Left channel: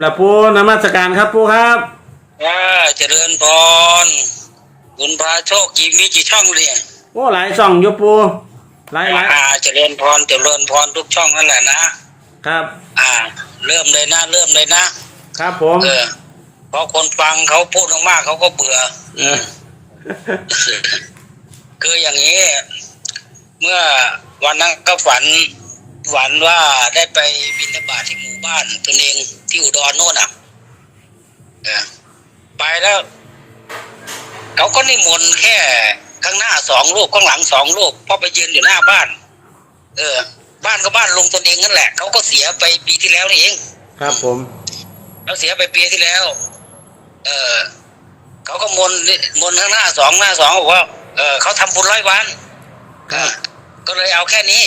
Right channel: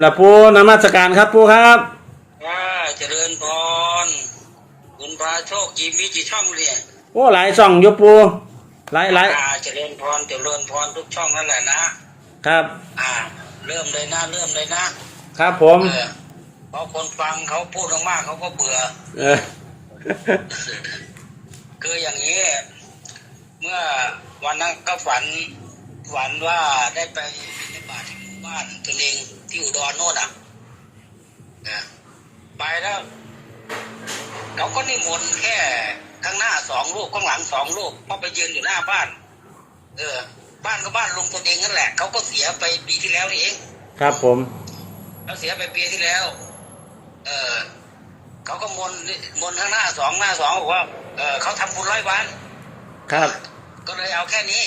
แล้วปูนมัสการครับปูครับว่าเจริญพรคุณพระโชคจีมีกี่ช่องเลยโอ้หลายช่องอยู่ปูหลายหลายอ่าเจริญพรเจริญพรทุกช่องนั่นแหละนะครับ อ่า เริ่มเลยนะ เริ่มเลยนะ ครับผมเออเพราะคนฟังเขาพูดมากๆเขาก็เบื่อเออคืออย่างนี้ เมื่อวันนั้นก็ฝัน ฝันว่าได้ไปบิณฑบาตที่หมู่บ้านตนเองที่อุดรโน่นอะเออไปแล้วเขาก็นิมนต์แค่ข้างหน้าสองรูปข้างหลังสองรูปเพราะไปยืนอยู่หน้าบ้าน เออ บ้านก็บ้านลุงตนเองนั่นแหละเขาก็เสียไปปีที่แล้วนี่เอง ครับผมเขาเสียไปปีที่แล้ว เออเขาก็มนต์มนต์ข้างหน้าสองหน้าสองบอกว่าเออเขาทำบุญร้อยวันครับ ก็เลยเอาแค่นี้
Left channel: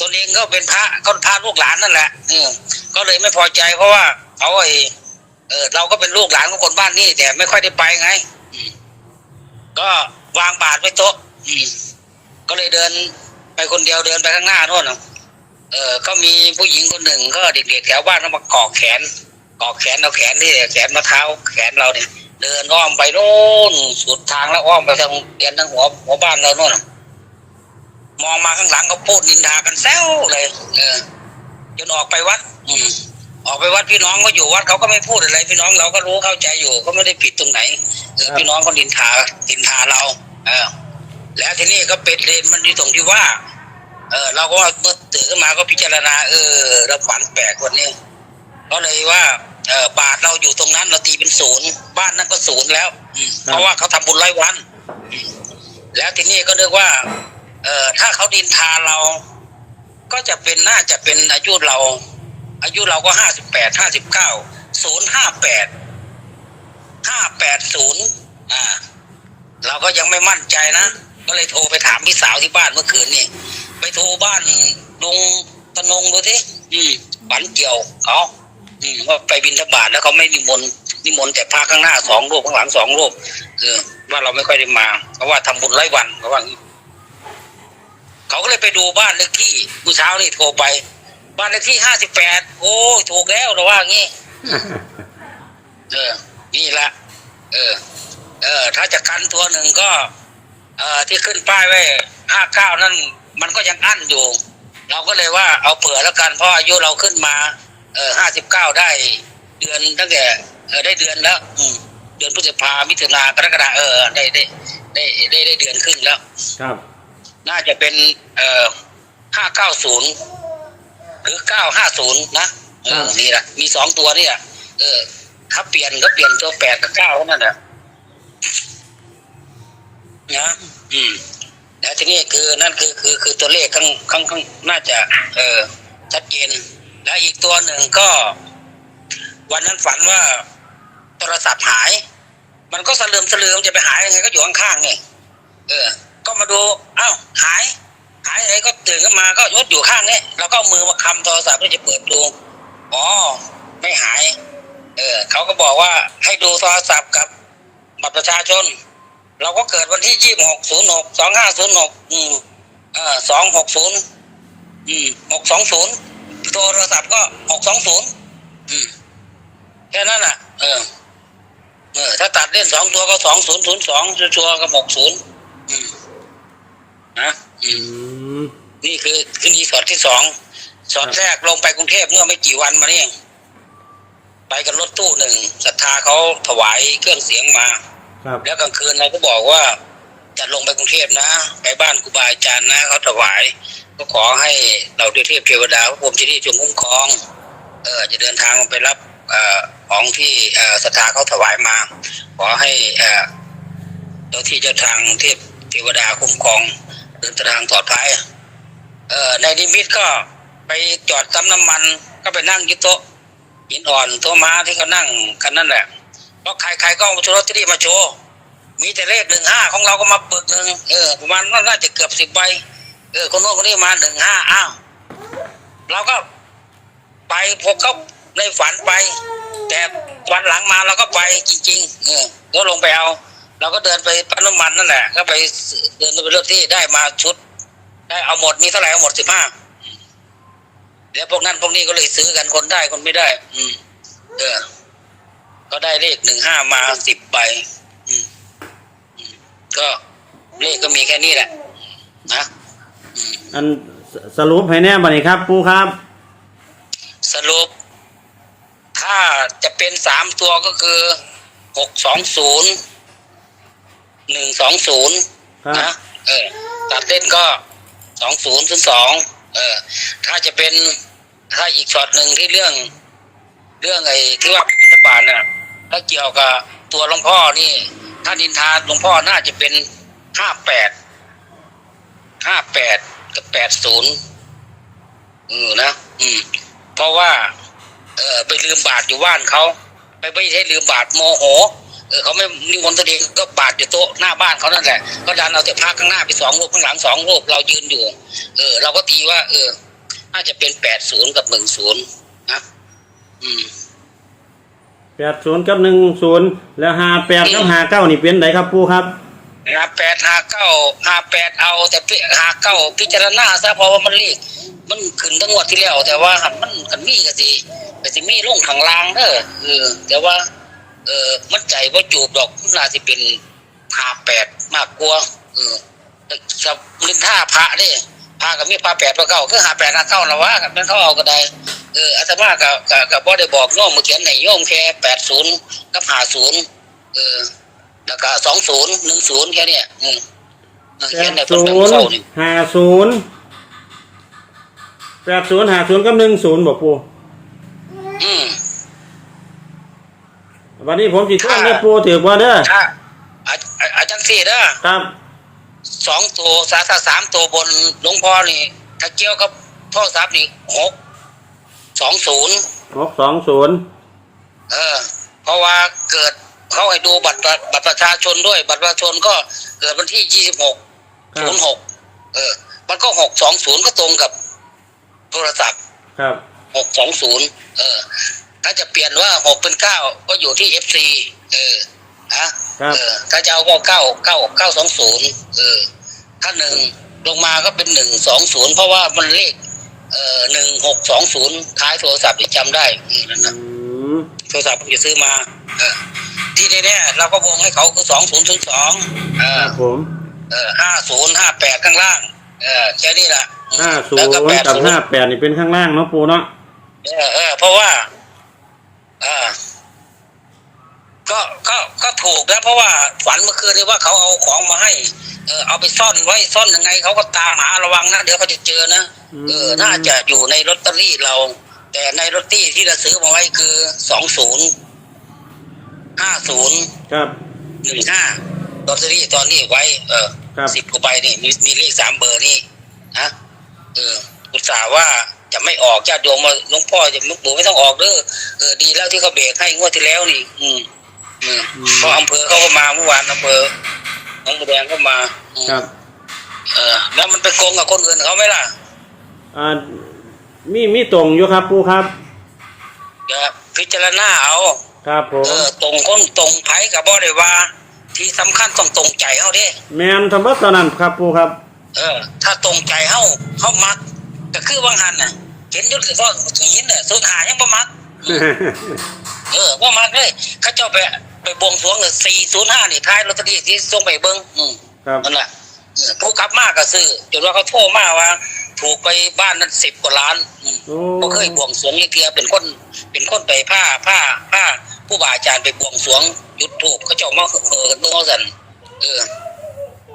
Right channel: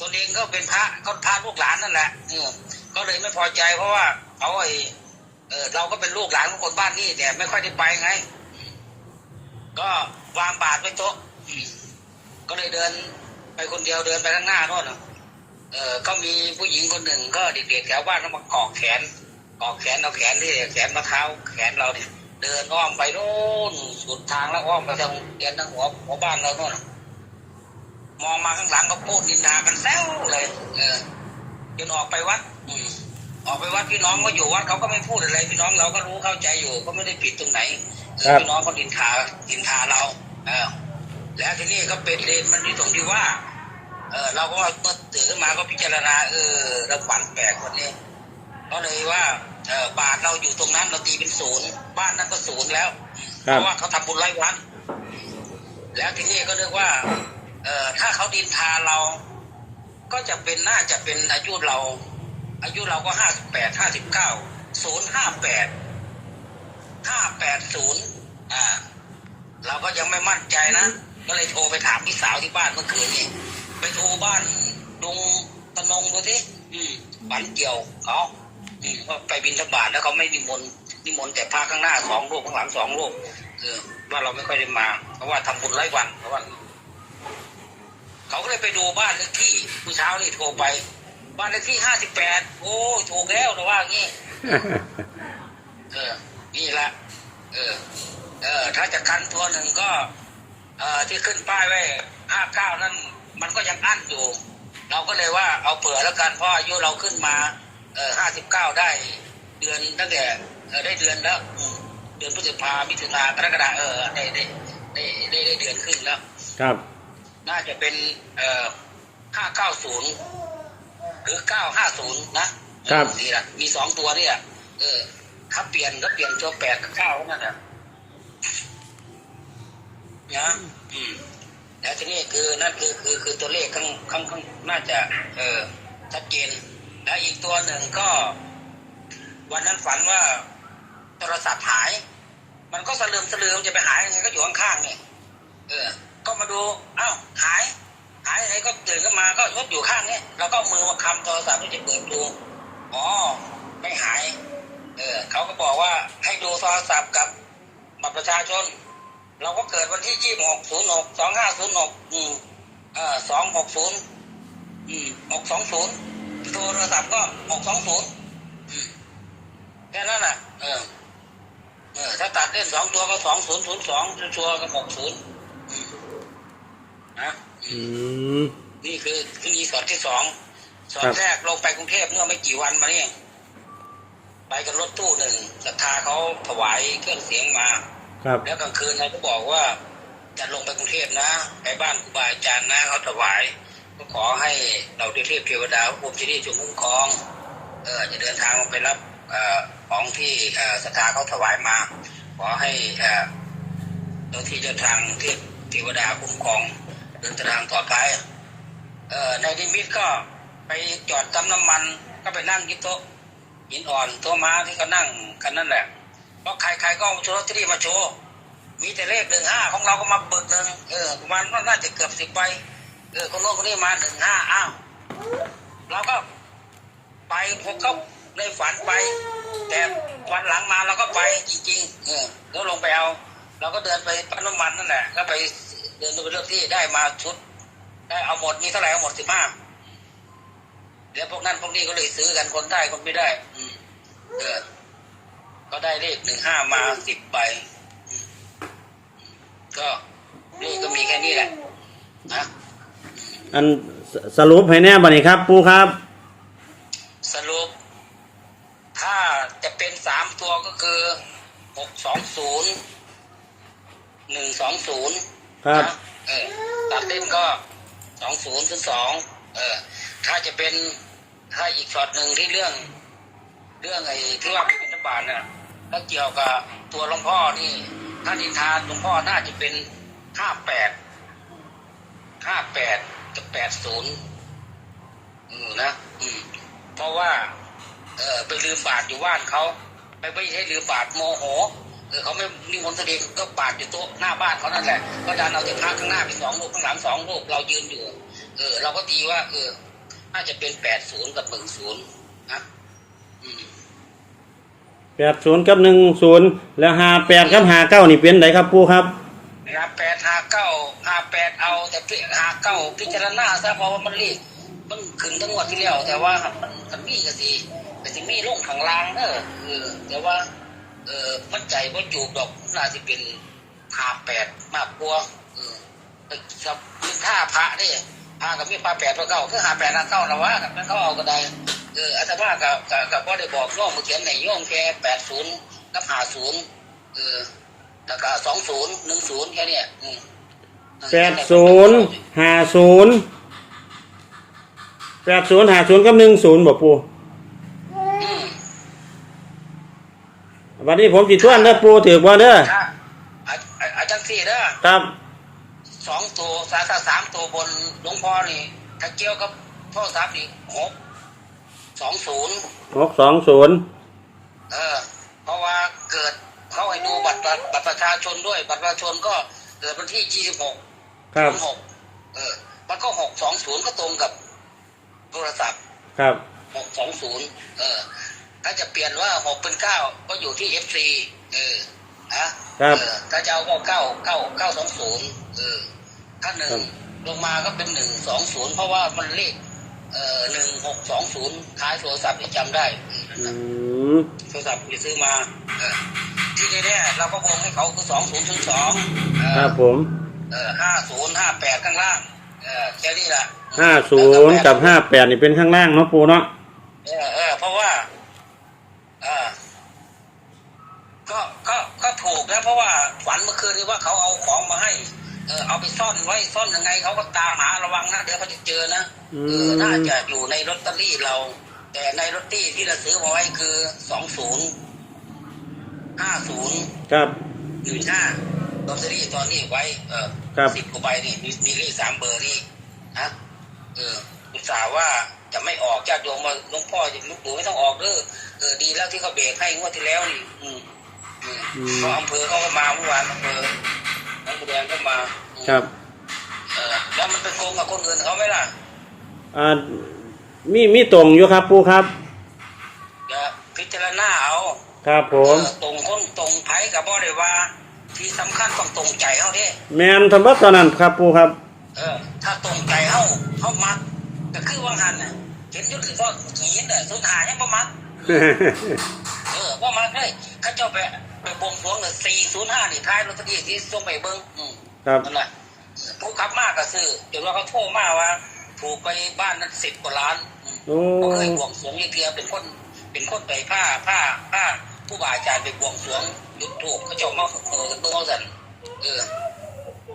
ตนเองก็เป็นพระก็พระลูกหลานนั่นแหละเออก็เลยไม่พอใจเพราะว่าเขาไอเออเราก็เป็นลูกหลานของคนบ้านนี่แต่ไม่ค่อยได้ไปไงก็วางบาตรไว้โต๊ะก็เลยเดินไปคนเดียวเดินไปข้างหน้าโน่นน่ะเออก็มีผู้หญิงคนหนึ่งก็เด็กๆแถวบ้านเขามาเกาะแขนเกาะแขนเอาแขนที่แขนมาเท้าแขนเราเนี่ยเดินอ้อมไปโน่นสุดทางแล้วอ้อมไปทางเรียนทางหัวหัวบ้านเราโน่นน่ะ มองมาข้างหลังก็พูดนินทากันแซวเลยเออจนออกไปวัด อืมออกไปวัดพี่น้องก็อยู่วัดเขาก็ไม่พูดอะไร พี่น้องเราก็รู้เข้าใจอยู่ ก็ไม่ได้ผิดตรงไหนเออพี่น้องก็นินทานินทาเรา เออ แล้วทีนี้ก็เป็นเรนมันที่ตรงที่ว่า เออ เราก็เมื่อตื่นขึ้นมาก็พิจารณา เออเราฝันแปลกวันนี้ก็เลยว่าเออบาทเราอยู่ตรงนั้นเราตีเป็นศูนย์บ้านนั้นก็ศูนย์แล้วอืมเพราะว่าเขาทำบุญไร้วัน แล้วทีนี้ก็นึกว่าเอ่อถ้าเขาดินทาเรา ก็จะเป็นน่าจะเป็นอายุเรา อายุเราก็ห้าสิบแปดห้าสิบเก้าศูนย์ห้าแปดห้าแปดศูนย์อ่า เราก็ยังไม่มั่นใจนะ ก็เลยโทรไปถามพี่สาวที่บ้านเมื่อคืนนี่ไปโทรบ้านลุงตะนงดูสิอืมฝันเกี่ยวเขาอืมว่าไปบินทบาทแล้วเขาไม่นิมนต์นิมนต์แต่พระข้างหน้าสองรูปข้างหลังสองรูปเออว่าเราไม่ค่อยได้มาเพราะว่าทำบุญไร้วันเพราะว่างี้ เขาก็เลยไปดูบ้านเลขที่ผู้เช้านี่โทรไป บ้านเลขที่ห้าสิบแปดโอ้ยถูกแล้วเราว่างี้ เออ นี่แหละเออ เออ ถ้าจะกันตัวหนึ่งก็ เอ่อที่ขึ้นป้ายไว้ห้าเก้านั่น มันก็ยังอั้นอยู่ เราก็เลยว่าเอาเผื่อแล้วกันเพราะอายุเราขึ้นมา เออห้าสิบเก้าได้ เดือนตั้งแต่เออได้เดือนแล้วอืมเดือนพฤษภามิถุนากรกฎาเออได้ได้ได้ได้ได้เดือนครึ่งแล้ว ครับ น่าจะเป็นเอ่อห้าเก้าศูนย์หรือเก้าห้าศูนย์นะเออนี่แหละมีสองตัวนี่แหละเออ ถ้าเปลี่ยนก็เปลี่ยนตัวแปดกับเก้านั่นแหละนะอืมแล้วทีนี้คือนั่นคือคือคือตัวเลขข้างข้างข้างน่าจะ เออชัดเจนแล้วอีกตัวหนึ่งก็ วันนั้นฝันว่าโทรศัพท์หาย มันก็สลืมสลืมจะไปหายยังไงก็อยู่ข้างๆไงเออ ก็มาดูเอ้าหาย หายอะไรก็ตื่นขึ้นมาก็ยดอยู่ข้างนี้แล้วก็มือมาคำโทรศัพท์เพื่อจะเปิดดูอ๋อไม่หาย เออเขาก็บอกว่าให้ดูโทรศัพท์กับบัตรประชาชน เราก็เกิดวันที่ยี่หกศูนย์หกสองห้าศูนย์หกอืมเออสองหกศูนย์อืมหกสองศูนย์โทรศัพท์ก็หกสองศูนย์อืมแค่นั้นน่ะ เออ เออ ถ้าตัดเล่นสองตัวก็สองศูนย์ศูนย์สองชัวร์ก็หกศูนย์ นะอือืมมนี่คือคือนีสอดที่สองสอดครับแรกลงไปกรุงเทพเมื่อไม่กี่วันมานี่เองไปกันรถตู้หนึ่งศรัทธาเขาถวายเครื่องเสียงมา ครับแล้วกลางคืนเราก็บอกว่า จะลงไปกรุงเทพนะ ไปบ้านครูบาอาจารย์นะเขาถวาย ก็ขอให้เราเทพเทวดาพระพรหมเจดีย์จงคุ้มครอง เออจะเดินทางไปรับเอ่อของที่เอ่อศรัทธาเขาถวายมา ขอให้เอ่อเจ้าที่เจ้าทางเทพ เทวดาคุ้มครองเดินทางปลอดภัยเอ่อในนิมิตก็ไปจอดปั๊มน้ำมันก็ไปนั่งยึดโต๊ะหินอ่อนโต๊ะม้าที่เขานั่งกันนั่นแหละเพราะใครๆก็เอาโชว์ลอตเตอรี่มาโชว์มีแต่เลขหนึ่งห้าของเราก็มาเปึกหนึ่งเออประมาณน่าจะเกือบสิบใบเออคนโน้นคนนี้มาหนึ่งห้าอ้าวเราก็ไปพวกเขาในฝันไป แต่วันหลังมาเราก็ไปจริง ๆ เออก็ลงไปเอา เราก็เดินไปปั๊มน้ำมันนั่นแหละก็ไปเดินไปเลือกที่ได้มาชุด ได้เอาหมดมีเท่าไหร่เอาหมดสิบห้าเดี๋ยวพวกนั้นพวกนี้ก็เลยซื้อกันคนได้คนไม่ได้ อืม เออได้เลขหนึ่งห้ามาสิบใบอืมอืมก็เลขก็มีแค่นี้แหละ นะอันสสรุปให้แน่บัดนี้ครับปูครับ สรุป ถ้าจะเป็นสามตัวก็คือหกสองศูนย์ หนึ่งสองศูนย์ครับนะเออตัดเล่นก็สองศูนย์ถึงสองเออ ถ้าจะเป็นถ้าอีกช็อตหนึ่งที่เรื่อง เรื่องไอ้ที่ว่าบิณฑบาตน่ะถ้าเกี่ยวกับตัวหลวงพ่อนี่ ถ้าดินทาหลวงพ่อน่าจะเป็นห้าแปดห้าแปดกับแปดศูนย์เออนะอืม เพราะว่า เออไปลืมบาทอยู่บ้านเขาไปไม่ใช่ลืมบาทโมโห เออเขาไม่นิมนต์ตัวเองก็บาทอยู่โต๊ะหน้าบ้านเขานั่นแหละก็ดันเอาแต่พระข้างหน้าไปสองรูปข้างหลังสองรูปเรายืนอยู่ เออ เราก็ตีว่า เออ น่าจะเป็นแปดศูนย์กับหนึ่งศูนย์นะอืมแปดศูนย์กับหนึ่งศูนย์แล้วห้าแปดกับห้าเก้านี่เป็นไดครับปูครับห้าแปดห้าเก้าห้าแปดเอา แต่ห้าเก้าพิจารณาซะเพราะว่ามันเลขมันขึ้นทั้งงวดที่แล้วแต่ว่ามันกันมีก็สิก็สิมีลงข้างล่างเด้อเออแต่ว่า เออมันใจว่าจูบดอกน่าสิเป็นห้าแปดมากกว่าเออแต่กับลินท่าพระเด้พระกับมีพระแปดพระเก้าคือห้าแปดห้าเก้าละวะกับนั้นเขาเอาก็ได้เอออาตมากับกับกับบ่ได้บอกโยมมาเขียนในโยมแค่แปดศูนย์กับห้าศูนย์เออแล้วก็สองศูนย์หนึ่งศูนย์แค่เนี้ยอืมเออแปเขียดนในศูนย์เศร้านี่ห้าศูนย์แปดศูนย์ห้าศูนย์กับหนึ่งศูนย์บอกปู อืม วันนี้ผมจีช่วนได้ปูถือว่าเด้อถ้าอาอาอาจารย์สี่เด้อครับสองตัวสาขาสามตัวบนหลวงพ่อนี่ถ้าเกี่ยวกับโทรศัพท์นี่หกสองศูนย์หกสองศูนย์เออ เพราะว่าเกิดเขาให้ดูบัตรประบัตรประชาชนด้วย บัตรประชาชนก็เกิดวันที่ยี่สิบหกครัศูบนย์หกเออ มันก็หกสองศูนย์ก็ตรงกับโทรศัพท์ครับหกสองศูนย์เออ ถ้าจะเปลี่ยนว่าหกเป็นเก้าก็อยู่ที่เอฟซีเออนะครับเออถ้าจะเอาก็เก้าเก้าเก้าสองศูนย์เออถ้าหนึ่งลงมาก็เป็นหนึ่งสองศูนย์เพราะว่ามันเลขเอ่อหนึ่งหกสองศูนย์ท้ายโทรศัพท์นี่จำได้อืมนั่นอืนะมโทรศัพท์ผมจะซื้อมา เออ ที่แน่ๆเราก็วงให้เขาคือสองศูนย์ถึงสองเอคอรับผม เออห้าศูนย์ห้าแปดข้างล่าง เออแค่นี้แหละห้าศูนย์กับห้าแปดนี่เป็นข้างล่างเนาะปูเนาะเออเออเพราะว่า เออก็ก็ก็ถูกนะเพราะว่าฝันเมื่อคืนนี้ว่าเขาเอาของมาให้เออเอาไปซ่อนไว้ซ่อนยังไงเขาก็ตามหาระวังนะเดี๋ยวเขาจะเจอนะเออน่าจะอยู่ในลอตเตอรี่เรา แต่ในลอตเตอรี่ที่เราซื้อมาไว้คือสองศูนย์ห้าศูนย์ครับหนึ่งห้าลอตเตอรี่ตอนนี้ไว้ เออครับสิบกว่าใบนี่มีมีเลขสามเบอร์นี่นะเอออุตส่าห์ว่า จะไม่ออกญาติโยมมาหลวงพ่อจะมุกปู่ไม่ต้องออกเด้อเออดีแล้วที่เขาเบรกให้งวดที่แล้วนี่ อืมอืมอืมเพราะอำเภอเขาก็มาเมื่อวานอำเภอหน้องบัวแดงก็มาอืมครับ เออ แล้วมันไปโกงกับคนอื่นเขาไหมล่ะอ่ามีมีตรงอยู่ครับปูครับอย่าพิจารณาเอาครับผเอมอตรงคนตรงไผกับบ่ได้ว่า ที่สำคัญต้องตรงใจเขาเด้แมนทำวัดตอนนั้นครับปูครับ เออ ถ้าตรงใจเฮาเฮามัก ก็คือบางหันน่ะเห็นอยุทธก็หินน่ะสุดหายังบ่มักเออบ่มักเลยเขาเจ้าไปไปบวงสรวงเลย405นี่ท้ายลอตเตอรี่ที่ส่งไปเบิ่งอืมครับนั่นแหละเออผู้ขับมากก็ซื้อจนว่าเขาโทรมาว่า ถูกไปบ้านนั้น10กว่าล้านอืมโอ้บ่เคยบวงสรวงอีกเทียเป็นคนเป็นคนไปผ้าผ้าผ้าผู้บาอาจารย์ไปบวงสรวงหยุดถูกเขาเจ้ามาเออเนื้อสันเออ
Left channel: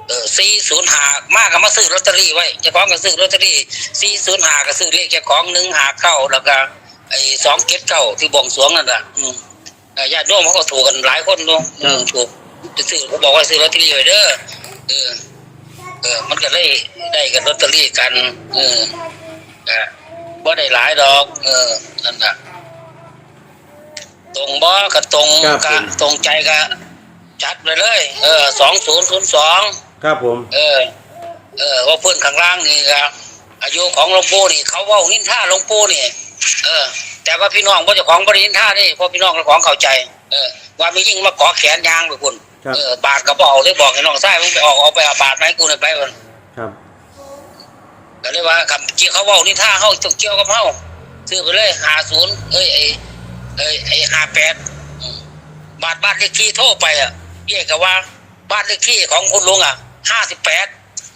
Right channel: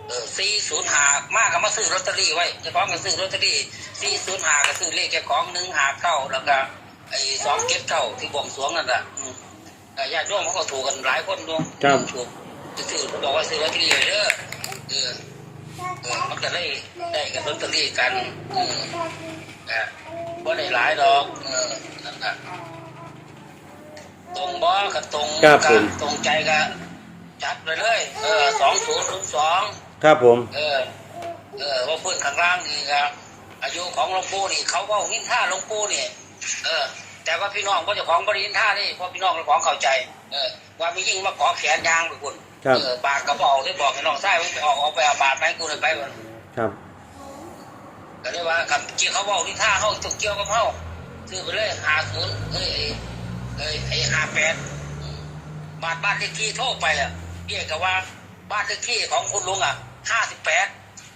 เออสี่ศูนย์หามากก็มาซื้อลอตเตอรี่ไว้เจ้าของก็ซื้อลอตเตอรี่สี่ศูนย์หาก็ซื้อเลขเจ้าของหนึ่งหาเก้าแล้วก็ไอ้สองเก็ดเก้าที่บวงสรวงนั่นแหละอืมเอ่อญาติโยมเขาก็ถูกกันหลายคนเนาะอืมถูกจะซื้อเขาบอกว่าซื้อลอตเตอรี่ไว้เด้อเออเออมันก็ได้ได้กันลอตเตอรี่กันเอออะบ่ได้หลายดอก เออนั่นแหละตรงบ่ก็ตรงครับกัผม ตรงใจก็จัดไปเลย เออสองศูนย์ศูนย์สอง ครับผม เออ เออว่าเพื่อนข้างล่างนี่ครับอายุของหลวงปู่นี่ เขาเว่านินท่าหลวงปู่นี่ เออ แต่ว่าพี่น้องว่าเจ้าของบรินินท่านี่เพราะพี่น้องเจ้าของเข้าใจ เออ ว่ามียิ่งมาเกาะแขนยางไปคุณครับ เออบาทกระเป๋าเลยบอกให้น้องชายมึงไปออกเอาไปเอาบาทมาให้กูหน่อยไปมันครับ ก็เลยว่ากับเกี่ยวเขาเว่านินท่าเขาจงเกี่ยวกับเขาซื้อไปเลยหาศูนย์เอ้ยไอ้เอ้ยไอ้ห้าแปดบ้านบ้านเลขที่โทรไปอะเรียกกับว่าบ้านเลขที่ของคุณลุงอะ ห้าสิบแปด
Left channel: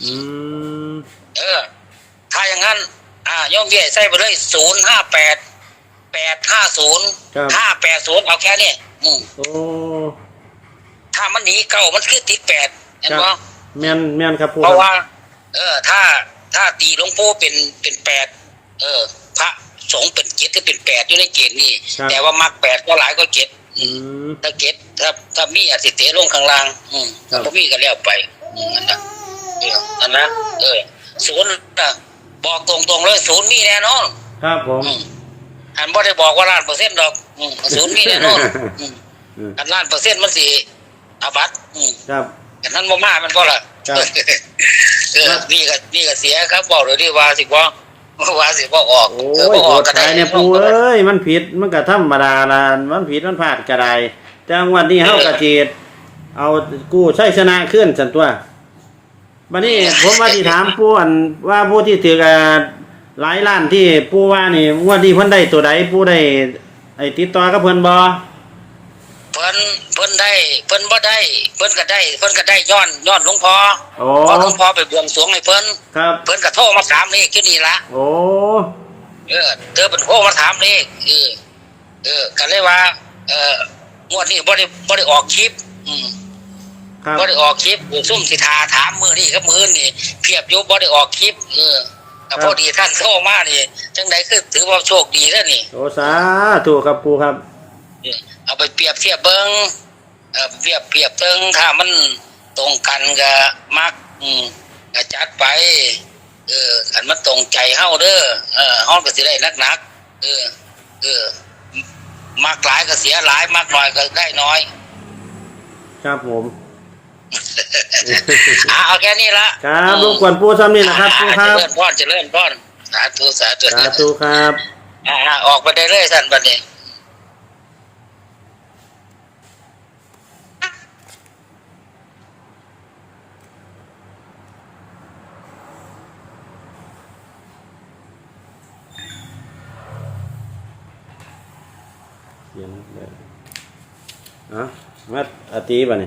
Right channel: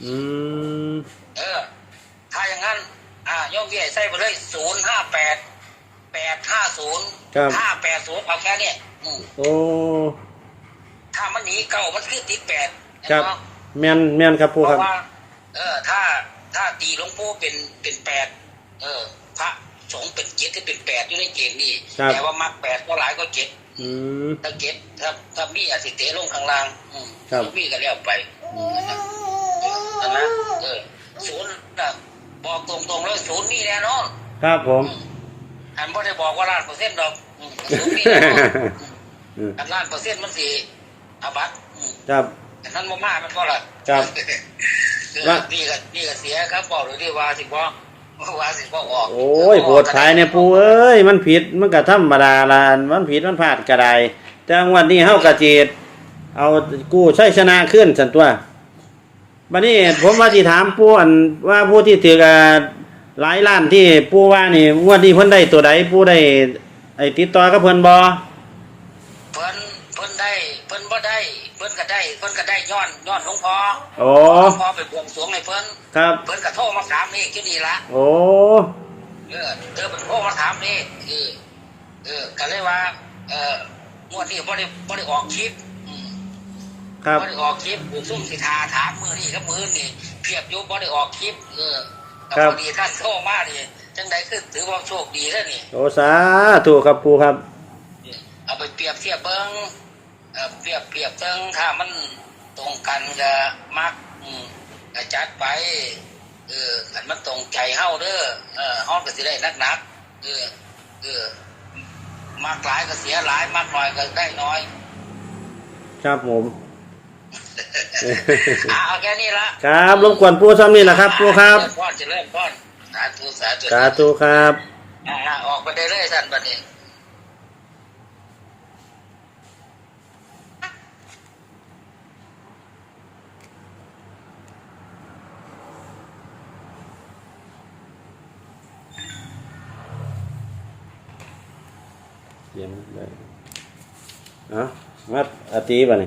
อืมเออ ถ้าอย่างนั้น อ่าย่อมเบี้ยใส่ไปเลยศูนย์ห้าแปดแปดห้าศูนย์ครับห้าแปดศูนย์เอาแค่เนี้ยอืมโอ้ถ้ามันหนีเก่ามันคือติดแปดเห็นครับ ไหม แม่นแม่นครับปูเพครัราะบ ว่า เออ ถ้า ถ้าตีหลวงพ่อเป็น เป็นแปด เออ พระสงฆ์เป็นเจ็ดที่เป็นแปดอยู่ในเกณฑ์นี่ ครับ แต่ว่ามักแปดก็หลายก็เจ็ดอืม ถ้าเก็บถ้า ถ้ามีอาสิเตะลงข้างล่าง อืมครับ ถ้ามีก็แล้วไป อืมนั่นนะเอออันนะเออศูนย์นะบอกตรงๆเลยศูนย์มีแน่นอนครับผมอืมอันบ่ได้บอกว่าล้านเปอร์เซ็นต์ดอกอืมศูนย์มีแน่นอนอืมอืมอันล้านเปอร์เซ็นต์มันสิอาบัตอืมครับ อันนั้นบ่มามันก็ละครับ เออนี่ก็นี่ก็เสียครับบอกเลยที่ว่าสิบ่ว่าสิบ่ออกโอ้ยโหดท้ายเนี่ยปูเอ้ยมันผิดมันก็ธรรมดาละมันผิดมันพลาดก็ได้แต่วันนี้เฮากะจีด เอากู้ใช้ชนะขึ้นสันตัวบัดนี้ผมว่าที่ถามปูอันว่าผู้ที่ถืออ่าหลายล้านที่ปูว่านี่งวดนี้เพิ่นได้ตัวใดปูได้ไอ้ติดต่อกับเพิ่นบ่เพิ่นเพิ่นได้เพิ่นบ่ได้ เพิ่นก็ได้ เพิ่นก็ได้ย้อนย้อนหลวงพ่อโอ้พอหลวงพ่อไปบวงสรวงให้เพิ่นครับเพิ่นก็โทรมาถามนี่คือนี่ละโอ้เออเธอเป็นโทรมาถามนี่เออเออก็เลยว่า เอองวดนี้บ่ได้บ่ได้ออกคลิปอืม ครับบ่ได้ออกคลิปซุ่มสิทาถามมือนี่กับมือนี่เพียบอยู่บ่ได้ออกคลิปเออแต่พอดีท่านโทรมานี่จังไดคือถือว่าโชคดีแล้วนี่โอ้สาธุครับปูครับเออเอาไปเปรียบเทียบเบิ่งเออเปรียบเปรียบเบิ่งถ้ามันตรงกันก็มักอืมก็จัดไป เอออันมันตรงใจเฮาเด้อเออเฮาก็สิได้นักๆเออเออ มากหลายก็เสียหลายมากน้อยก็ได้น้อย ครับผม อะเอาแค่นี้ละครับรบกวนปูซ้ำนี่แหละครับปูครับ เจริญพรเจริญพรสาธุสาธุสาธุครับ อ่าออกไปได้เลยท่านบัดนี้ เขียนเลยอะมาอา ตีบ่เนี่ย